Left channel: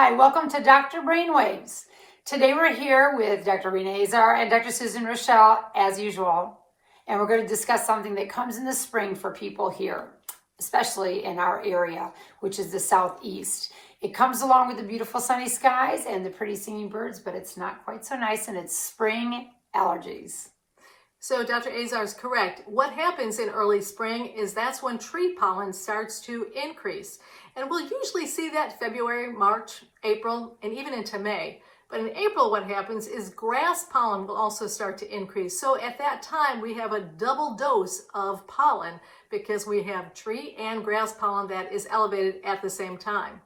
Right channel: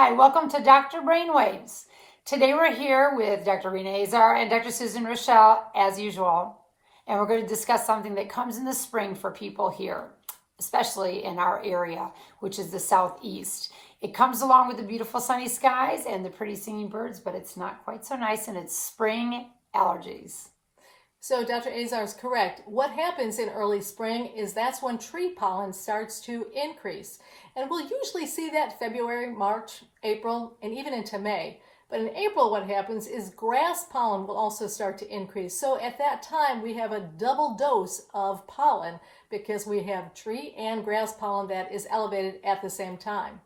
Hi, welcome to Dr. Brainwaves. Today we're here with Dr. Rena Azar and Dr. Susan Raschal, as usual, and we're going to discuss something that comes in the spring for people here, especially in our area, which is the southeast. It comes along with the beautiful sunny skies and the pretty singing birds, but it's not quite so nice, and it's spring allergies. So Dr. Azar is correct. What happens in early spring is that's when tree pollen starts to increase. And we'll usually see that February, March, April, and even into May. But in April, what happens is grass pollen will also start to increase. So at that time, we have a double dose of pollen because we have tree and grass pollen that is elevated at the same time.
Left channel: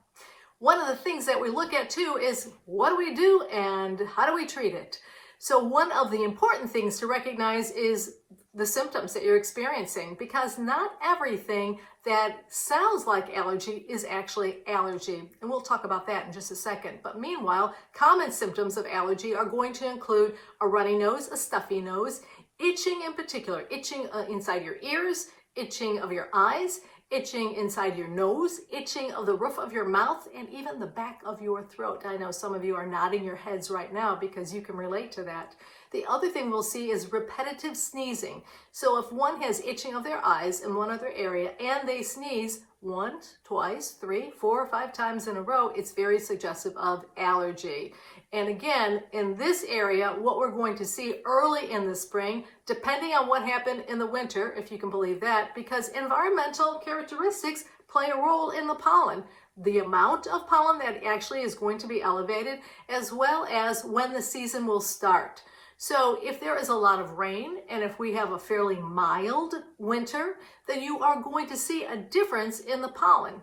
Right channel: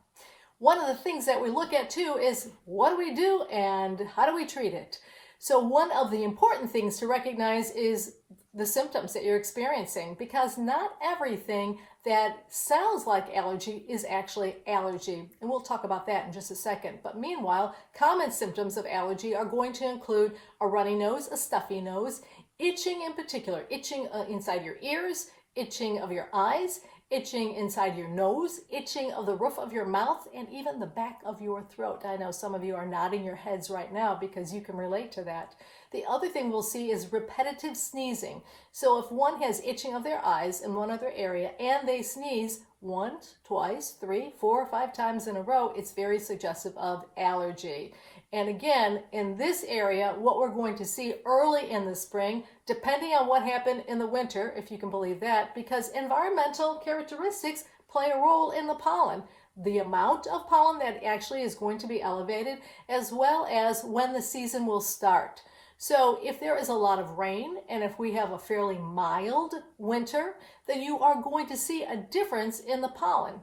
One of the things that we look at too is what do we do and how do we treat it? So one of the important things to recognize is the symptoms that you're experiencing, because not everything that sounds like allergy is actually allergy. And we'll talk about that in just a second. But meanwhile, common symptoms of allergy are going to include a runny nose, a stuffy nose, itching in particular, itching inside your ears, itching of your eyes, itching inside your nose, itching of the roof of your mouth, and even the back of your throat. I know some of you are nodding your heads right now because you can relate to that. The other thing we'll see is repetitive sneezing. So if one has itching of their eyes in one other area and they sneeze once, twice, 3, 4, or 5 times in a row, it's very suggestive of allergy. And again, in this area, what we're going to see early in the spring, depending on what happened in the winter, if you can believe that, because environmental characteristics play a role in the pollen. The amount of pollen that actually is going to be elevated, as well as when the season will start. So if there is a lot of rain, and if we have a fairly mild winter, then you are going to see a difference in the pollen.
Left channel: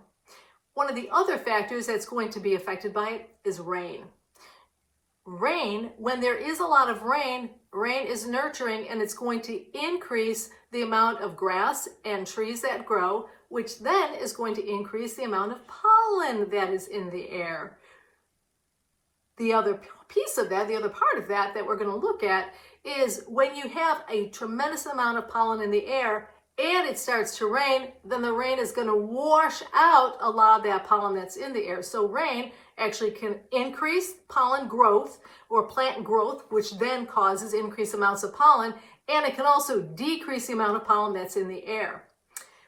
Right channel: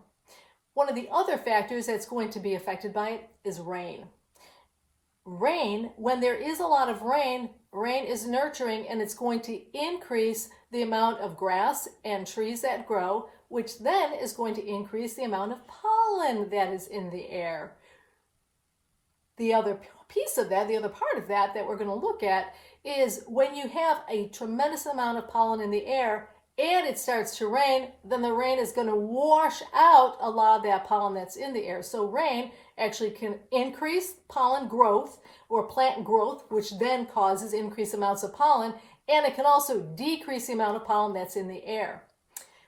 One of the other factors that's going to be affected by it is rain. Rain, when there is a lot of rain, rain is nurturing and it's going to increase the amount of grass and trees that grow, which then is going to increase the amount of pollen that is in the air. The other piece of that, the other part of that we're going to look at is when you have a tremendous amount of pollen in the air and it starts to rain, then the rain is going to wash out a lot of that pollen that's in the air. So rain actually can increase pollen growth or plant growth, which then causes increased amounts of pollen, and it can also decrease the amount of pollen that's in the air.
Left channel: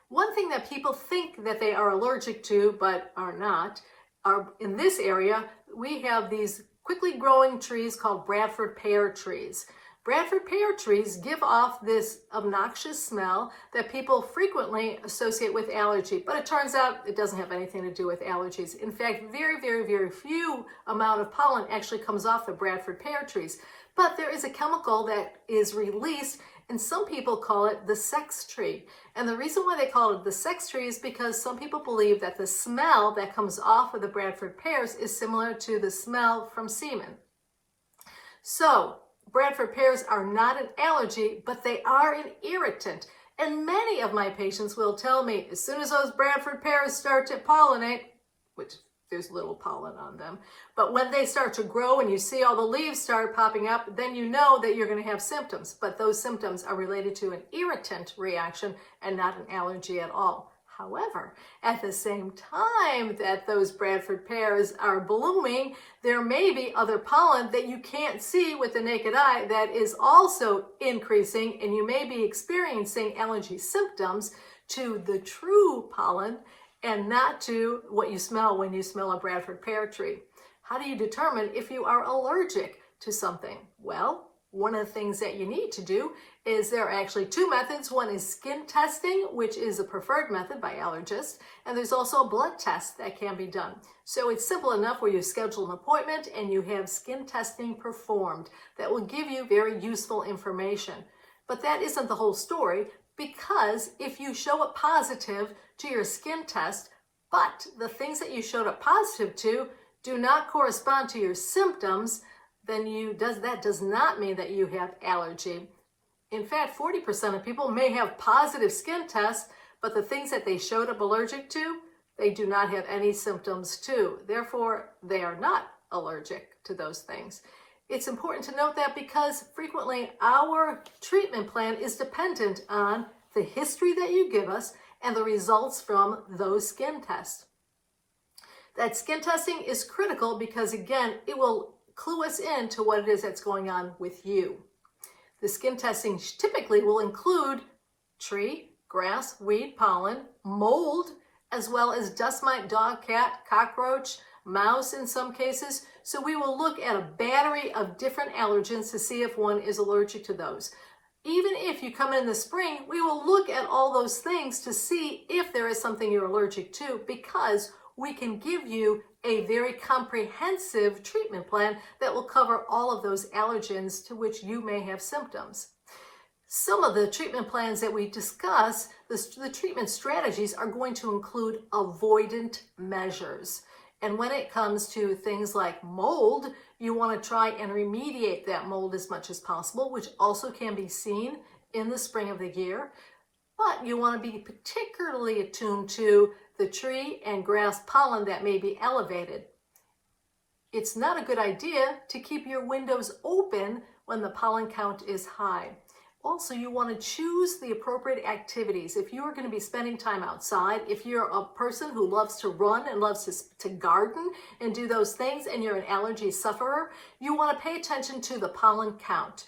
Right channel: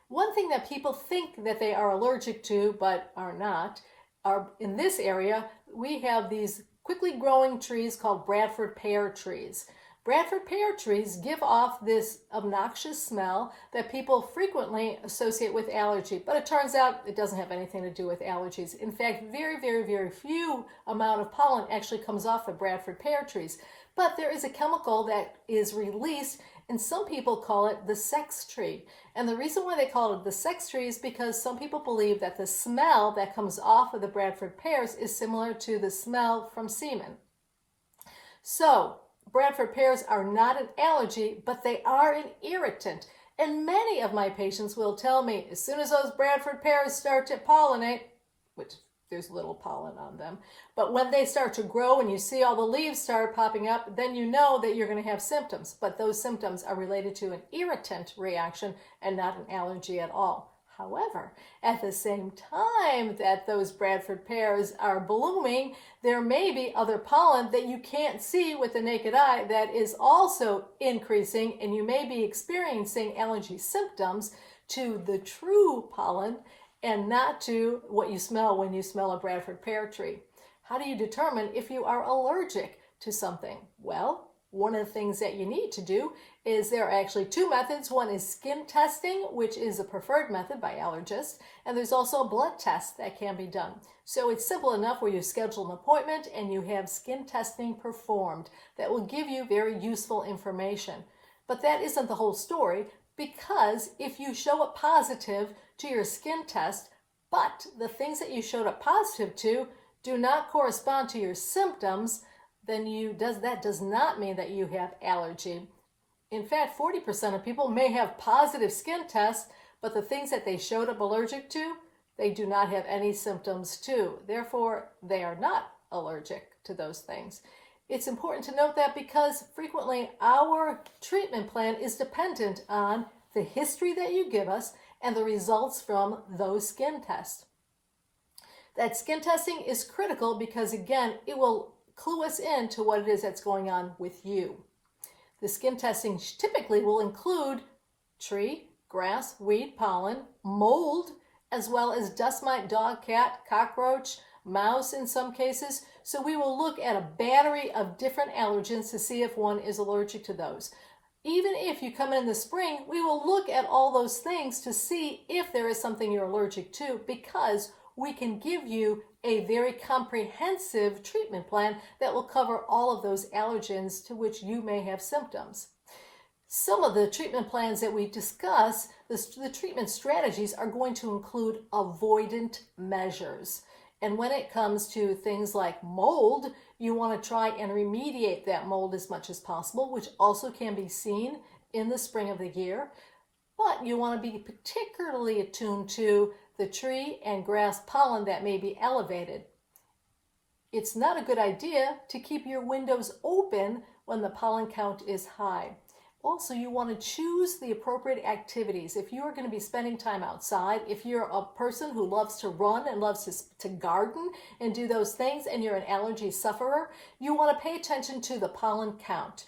One thing that people think that they are allergic to but are not, are in this area, we have these quickly growing trees called Bradford pear trees. Bradford pear trees give off this obnoxious smell that people frequently associate with allergy, but it turns out it doesn't have anything to do with allergies. In fact, very, very, very few amount of pollen actually comes off the Bradford pear trees. But there is a chemical that is released, and some people call it the sex tree. And the reason why they call it the sex tree is because some people believe that the smell that comes off of the Bradford pears is similar to the smell from semen. So, Bradford pears are not an allergy, but they are an irritant. And many of my patients will tell me, as soon as those Bradford pears start to pollinate, which there's little pollen on them, but when they start to grow and you see all the leaves start popping up, then you know that you're going to have symptoms. But those symptoms are related to an irritant reaction and not an allergy at all. However, at the same time that those Bradford pears are blooming, there may be other pollen that you can't see with the naked eye that is also increasing, and you may be experiencing allergy symptoms to the true pollen and not to what you smell when you smell a Bradford pear tree. How do you determine if you are allergic to something? Well, one of the things that you need to do is there are actually 2 methods. One is skin testing, which is a preferred method by allergists, and there's also a blood test that can be done. So it's simple enough where you schedule an appointment and you have skin testing performed that will give you very useful information. But that isn't the whole story, because if you show up positive to your skin test, but the things that you showed up positive to do not correspond to your symptoms, then that does not mean that you have allergy. In fact, 40% of people may have positive skin tests, but the things that they showed up allergic to, they do not have any symptoms to. Therefore, they are not allergic to those things. It's important to note that because frequently our treatment plan is dependent on the history that you give us and the results from those skin tests. That skin testing is critical because, again, it will clue us in to what it is that's going on with you. The skin testing typically will include tree, grass, weed, pollen, mold, as well as dust mite, dog, cat, cockroach, mouse in some cases. So we will look at a battery of different allergens to see if one is allergic to those. Even if you come in the spring, we will look at all those things to see if there is something you're allergic to, because we can give you a very comprehensive treatment plan that will cover all of those allergens to which you may have symptoms. Some of the treatment plans that we discuss, the treatment strategies, are going to include avoidant measures. And when it comes to things like mold, you want to try and remediate that mold as much as possible, which also can be seen in the spring of the year. But you want to be particularly attuned to the tree and grass pollen that may be elevated. It's not a good idea to keep your windows open when the pollen count is high. Also, you want to choose the appropriate activities. If you are going to be spending time outside, if you're a person who loves to run and loves to garden and do those things, and you're an allergy sufferer, you want to pay attention to the pollen count.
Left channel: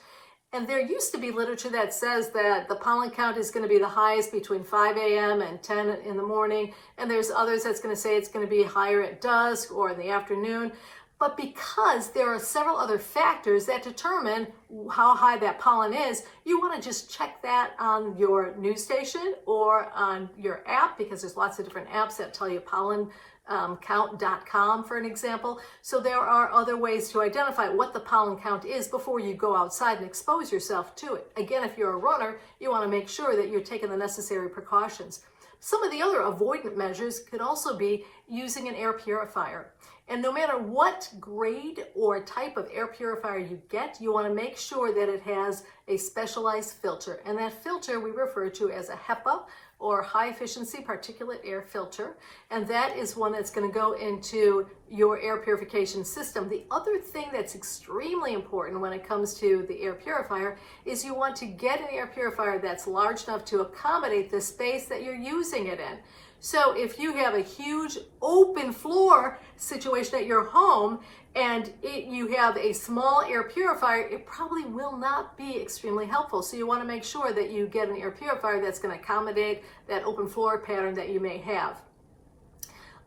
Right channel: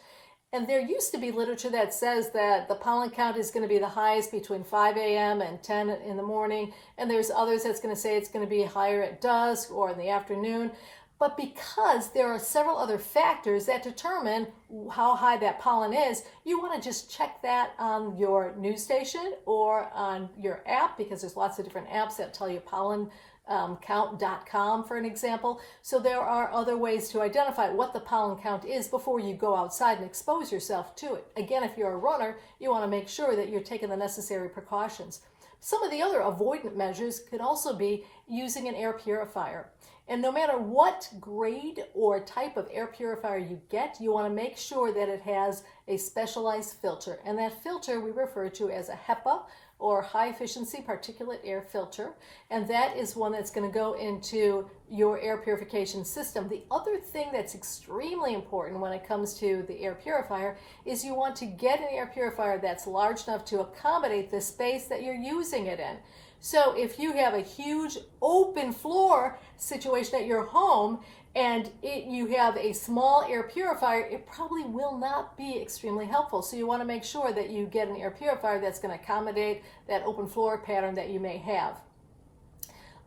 And there used to be literature that says that the pollen count is going to be the highest between 5 a.m. and 10 in the morning, and there's others that's going to say it's going to be higher at dusk or in the afternoon. But because there are several other factors that determine how high that pollen is, you want to just check that on your news station or on your app, because there's lots of different apps that tell you pollencount.com, for an example. So there are other ways to identify what the pollen count is before you go outside and expose yourself to it. Again, if you're a runner, you want to make sure that you're taking the necessary precautions. Some of the other avoidant measures could also be using an air purifier. And no matter what grade or type of air purifier you get, you want to make sure that it has a specialized filter. And that filter we refer to as a HEPA, or high efficiency particulate air filter. And that is one that's going to go into your air purification system. The other thing that's extremely important when it comes to the air purifier is you want to get an air purifier that's large enough to accommodate the space that you're using it in. So if you have a huge open floor situation at your home and you have a small air purifier, it probably will not be extremely helpful. So you want to make sure that you get an air purifier that's going to accommodate that open floor pattern that you may have.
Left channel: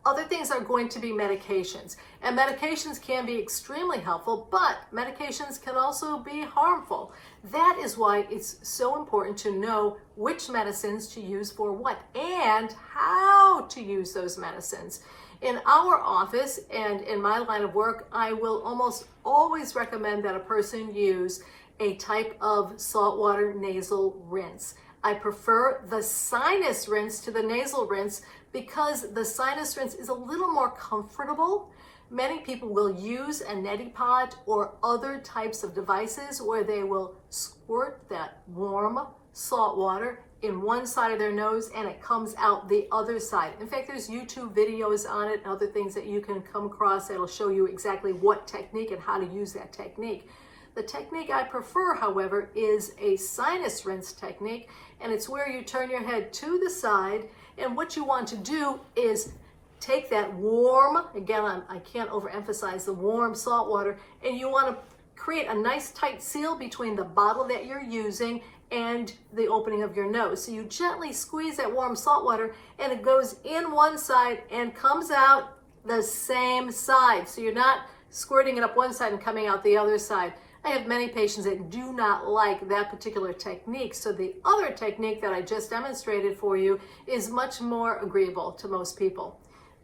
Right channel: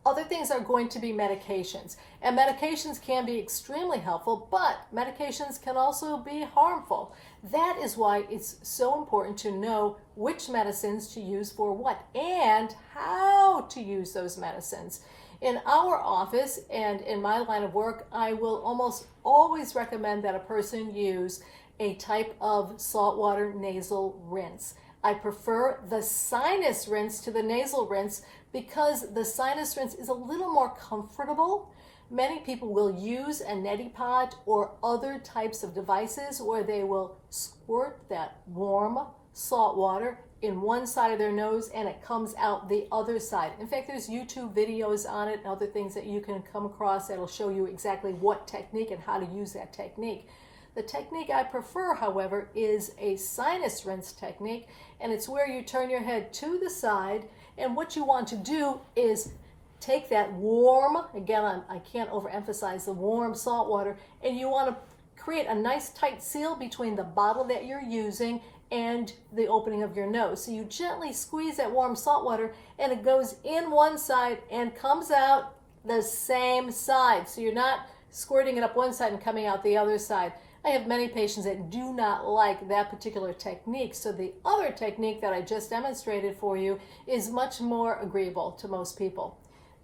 Other things are going to be medications. And medications can be extremely helpful, but medications can also be harmful. That is why it's so important to know which medicines to use for what and how to use those medicines. In our office and in my line of work, I will almost always recommend that a person use a type of saltwater nasal rinse. I prefer the sinus rinse to the nasal rinse because the sinus rinse is a little more comfortable. Many people will use a neti pot or other types of devices where they will squirt that warm salt water in one side of their nose and it comes out the other side. In fact, there's YouTube videos on it and other things that you can come across that will show you exactly what technique and how to use that technique. The technique I prefer, however, is a sinus rinse technique, and it's where you turn your head to the side, and what you want to do is take that warm, again, I can't overemphasize the warm salt water, and you want to create a nice tight seal between the bottle that you're using and the opening of your nose. So you gently squeeze that warm salt water and it goes in one side and comes out the same side. So you're not squirting it up one side and coming out the other side. I have many patients that do not like that particular technique. So the other technique that I just demonstrated for you is much more agreeable to most people.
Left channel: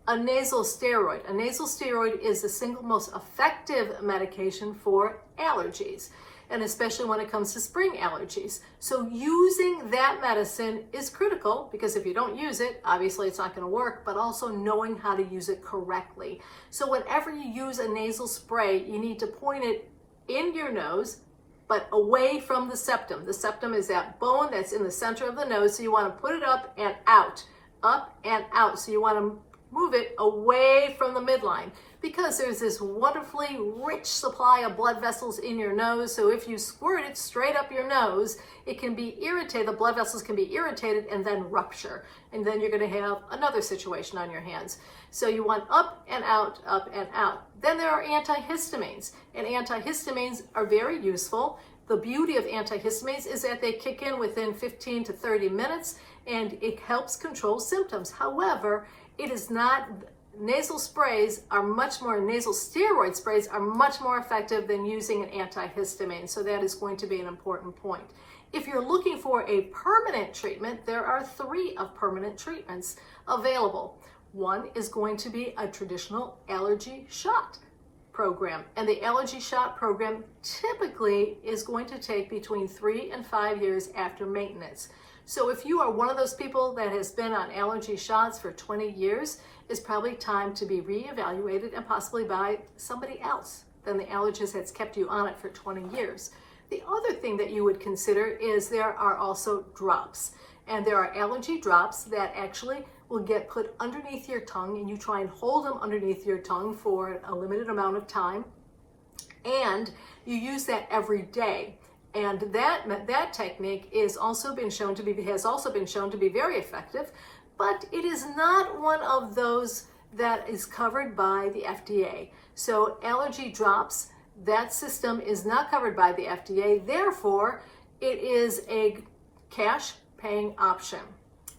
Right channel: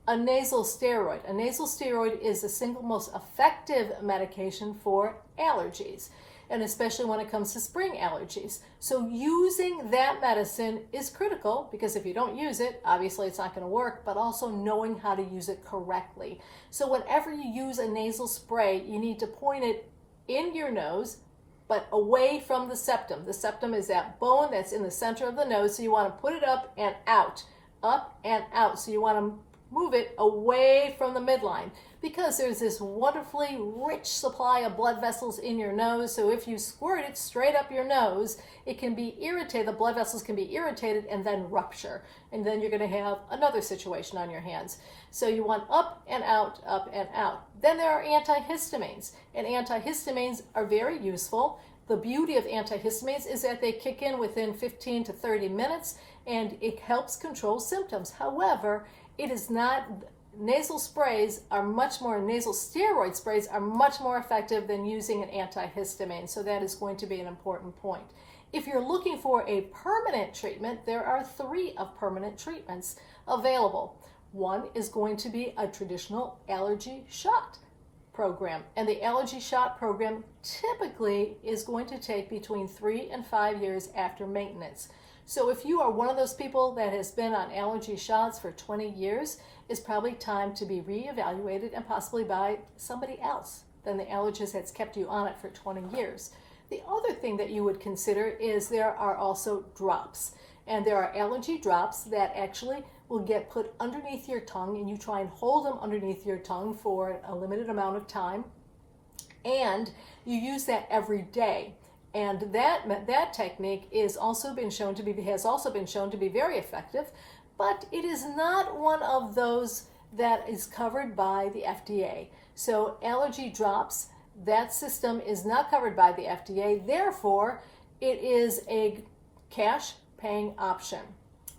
A nasal steroid. A nasal steroid is the single most effective medication for allergies, and especially when it comes to spring allergies. So using that medicine is critical because if you don't use it, obviously it's not going to work, but also knowing how to use it correctly. So whenever you use a nasal spray, you need to point it in your nose, but away from the septum. The septum is that bone that's in the center of the nose, so you want to put it up and out. Up and out. So you want to move it away from the midline because there's this wonderfully rich supply of blood vessels in your nose. So if you squirt it straight up your nose, it can be irritated, the blood vessels can be irritated and then rupture. And then you're going to have another situation on your hands. So you want up and out, up and out. Then there are antihistamines, and antihistamines are very useful. The beauty of antihistamines is that they kick in within 15 to 30 minutes and it helps control symptoms. However, it is not, nasal steroid sprays are much more effective than using an antihistamine. So that is going to be an important point. If you're looking for a permanent treatment, there are 3 of permanent treatments available. One is going to be a traditional allergy shot program. And the allergy shot program typically is going to take between 3 and 5 years after maintenance. So if you are one of those people that has been on allergy shots for 20 years, it's probably time to be reevaluated and possibly by somebody else than the allergist that's kept you on it for 20 years. The other thing that you would consider is there are also drops. And there are allergy drops that actually will get put underneath your tongue, and you try and hold them underneath your tongue for a limited amount of time. And you use that every day. And that technique has also been shown to be very effective, but it is not one of those that is covered by the FDA. So Allergy Drops, that system is not covered by the FDA. Therefore, it is a cash paying option.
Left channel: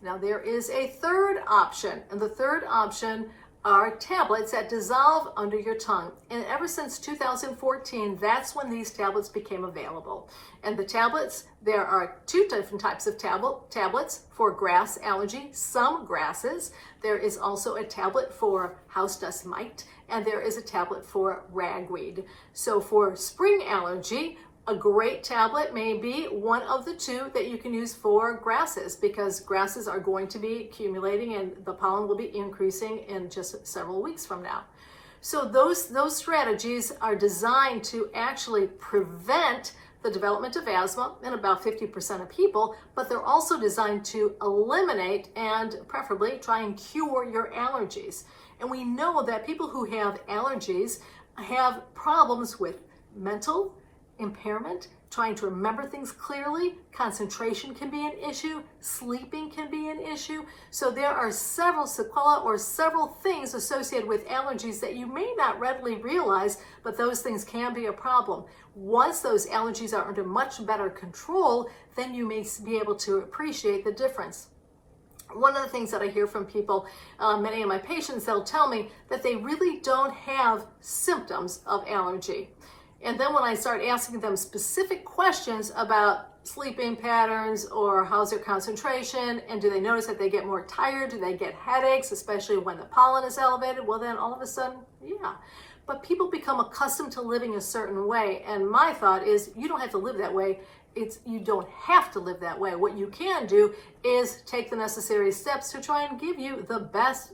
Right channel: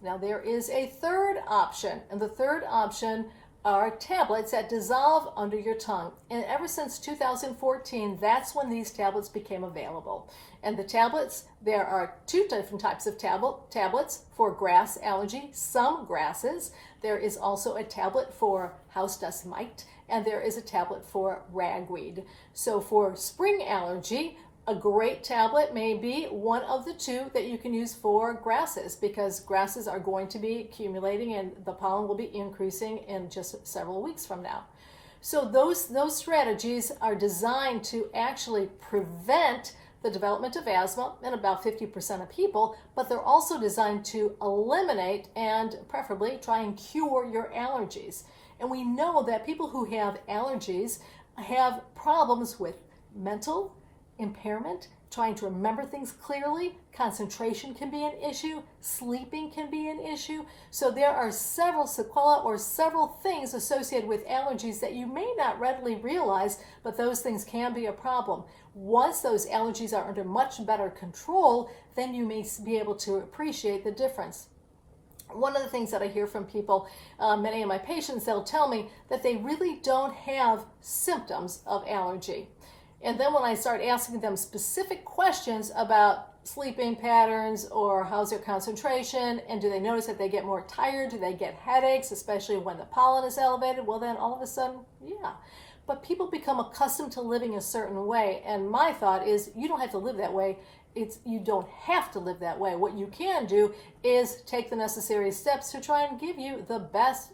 Now there is a third option, and the third option are tablets that dissolve under your tongue. And ever since 2014, that's when these tablets became available. And the tablets, there are 2 different types of tablets for grass allergy, some grasses. There is also a tablet for house dust mite, and there is a tablet for ragweed. So for spring allergy, a great tablet may be one of the 2 that you can use for grasses, because grasses are going to be accumulating and the pollen will be increasing in just several weeks from now. So those strategies are designed to actually prevent the development of asthma in about 50% of people, but they're also designed to eliminate and preferably try and cure your allergies. And we know that people who have allergies have problems with mental impairment, trying to remember things clearly, concentration can be an issue, sleeping can be an issue. So there are several sequelae or several things associated with allergies that you may not readily realize, but those things can be a problem. Once those allergies are under much better control, then you may be able to appreciate the difference. One of the things that I hear from people, many of my patients, they'll tell me that they really don't have symptoms of allergy. And then when I start asking them specific questions about sleeping patterns or how's their concentration, and do they notice that they get more tired, do they get headaches, especially when the pollen is elevated, well then all of a sudden, yeah. But people become accustomed to living a certain way, and my thought is you don't have to live that way. You don't have to live that way. What you can do is take the necessary steps to try and give you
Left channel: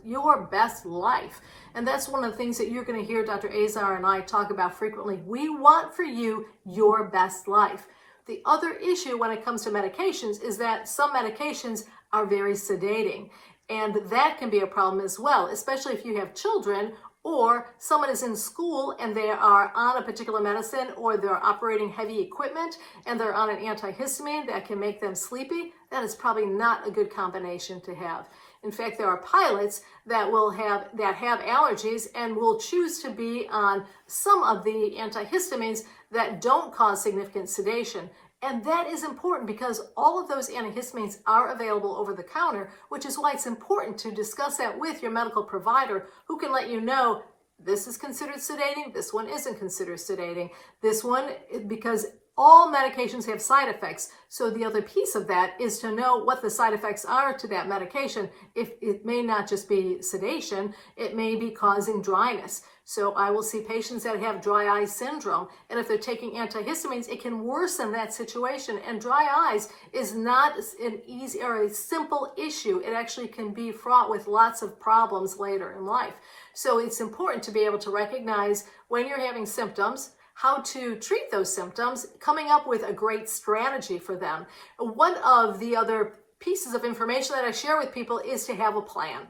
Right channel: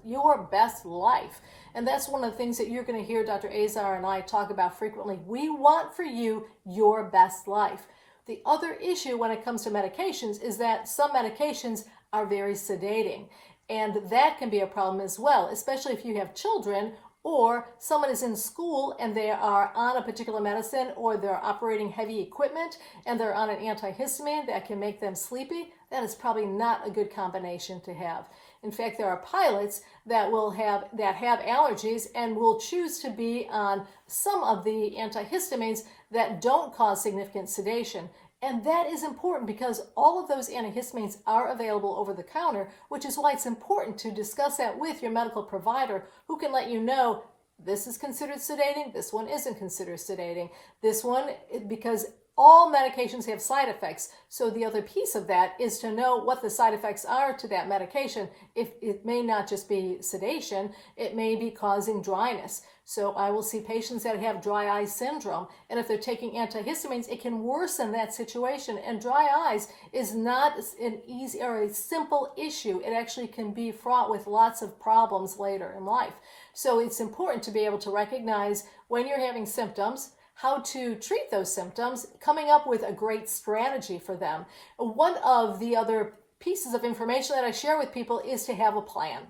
your best life. And that's one of the things that you're going to hear Dr. Azar and I talk about frequently. We want for you your best life. The other issue when it comes to medications is that some medications are very sedating. And that can be a problem as well, especially if you have children or someone is in school and they are on a particular medicine, or they're operating heavy equipment and they're on an antihistamine that can make them sleepy. That is probably not a good combination to have. In fact, there are pilots that have allergies and will choose to be on some of the antihistamines that don't cause significant sedation. And that is important because all of those antihistamines are available over the counter, which is why it's important to discuss that with your medical provider, who can let you know this is considered sedating, this one isn't considered sedating. This one, because all medications have side effects. So the other piece of that is to know what the side effects are to that medication. If it may not just be sedation, it may be causing dryness. So I will see patients that have dry eye syndrome, and if they're taking antihistamines, it can worsen that situation. And dry eyes is not an easy or a simple issue. It actually can be fraught with lots of problems later in life. So it's important to be able to recognize when you're having symptoms, how to treat those symptoms, coming up with a great strategy for them. One of the other pieces of information that I share with people is to have a plan.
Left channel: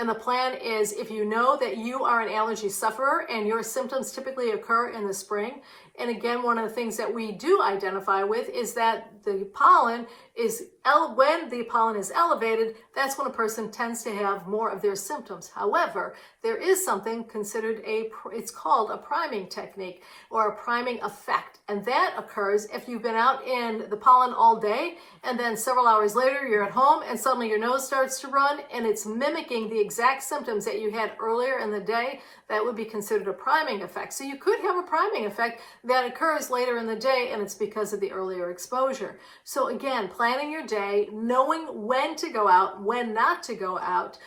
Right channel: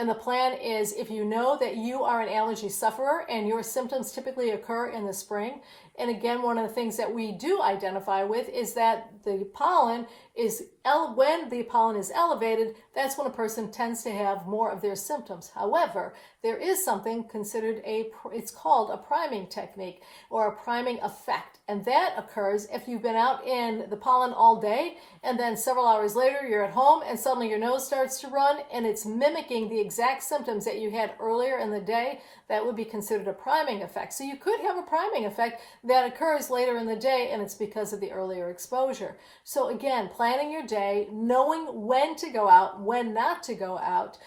And the plan is, if you know that you are an allergy sufferer and your symptoms typically occur in the spring, and again, one of the things that we do identify with is that the pollen is, when the pollen is elevated, that's when a person tends to have more of their symptoms. However, there is something considered it's called a priming technique or a priming effect. And that occurs if you've been out in the pollen all day and then several hours later you're at home and suddenly your nose starts to run and it's mimicking the exact symptoms that you had earlier in the day. That would be considered a priming effect. So you could have a priming effect that occurs later in the day, and it's because of the earlier exposure. So again, planning your day, knowing when to go out, when not to go out,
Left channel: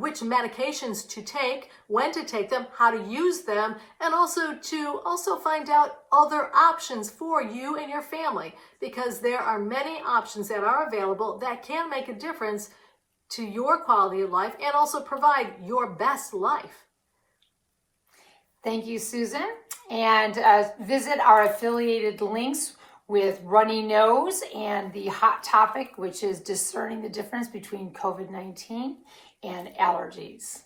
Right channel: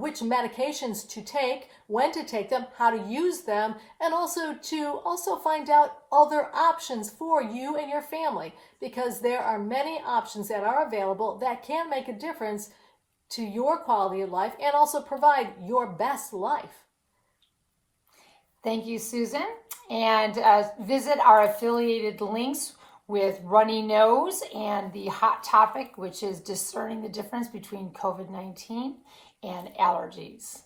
which medications to take, when to take them, how to use them, and also to find out other options for you and your family, because there are many options that are available that can make a difference to your quality of life and also provide your best life. Thank you, Susan. And visit our affiliated links with runny nose and the hot topic, which is discerning the difference between COVID-19 and allergies.